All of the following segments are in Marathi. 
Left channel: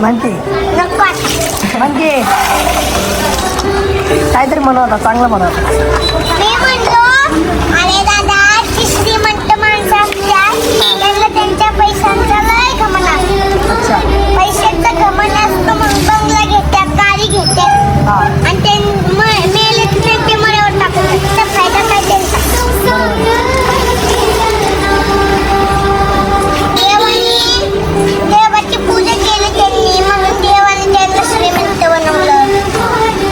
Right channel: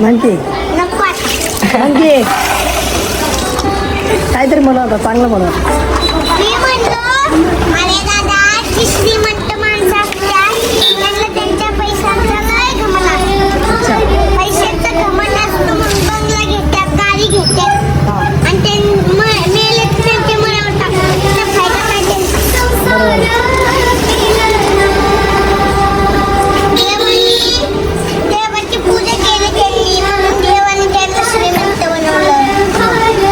म्हणते नको आता. म्हणजे काहीतरी म्हणू होता, चांगलं म्हणू होता. मी म्हणलो अरे दादा, जी श्रीमंत माणसं असतात त्यांना त्यांच्या पैशांचा लय घमंड असतो. पैशाचा घमंड असतो म्हणून बंगला घेतात, गाडी घेतात आणि ते मेले की त्यांचे मरावर टाकतात. त्याचा फायदा काय त्यांचा? देवाची पूजा केली त्यांनी म्हणून देवाने त्यांना श्रीमंत बनवलं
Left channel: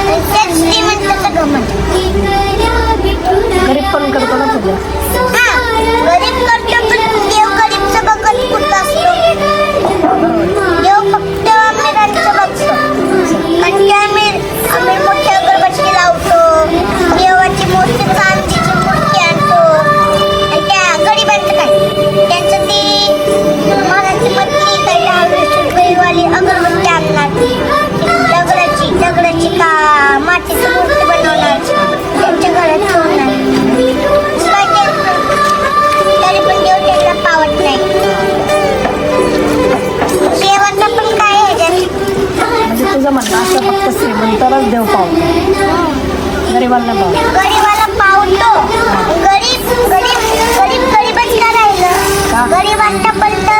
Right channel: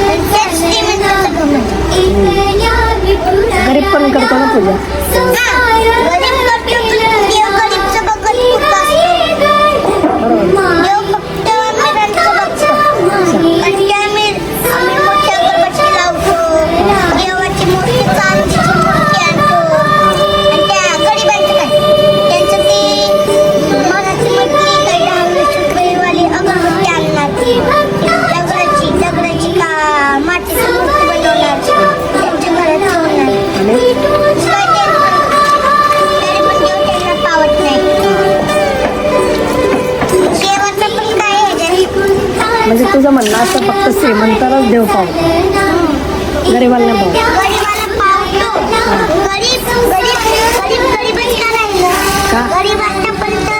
आणि त्याच श्रीमंताचं घमंड. गरीब पण करतो ना तुझ्या. गरीब करतो पण देव गरीबचं बघत कुठं असतो. देव फक्त अमीरांचं बघतो. कारण की आम्ही मोठी अगरबत्ती लावतो, देवाची मूर्ती, चांदीची मूर्ती आणतो आणि त्या गरिबांचं काय, त्यांचं ते मनाची मटली काय 10-20 रुपयेवाली अगरबत्ती आणणार, दगडाची का मातीची मूर्ती बनवणार, त्यांच्या घरात ठेवणार. काय टेन्शन, तरी पण देव त्यांना पावत नाही. देवाचं पण काय आहे म्हणजे तुझं म्हणणं असं फक्त श्रीमंतालाच देव पावतो, गरीबाला नाही पावत. गरीबाला पावतो. गरीब गरीबच का राहिलं? गरीब आतापर्यंत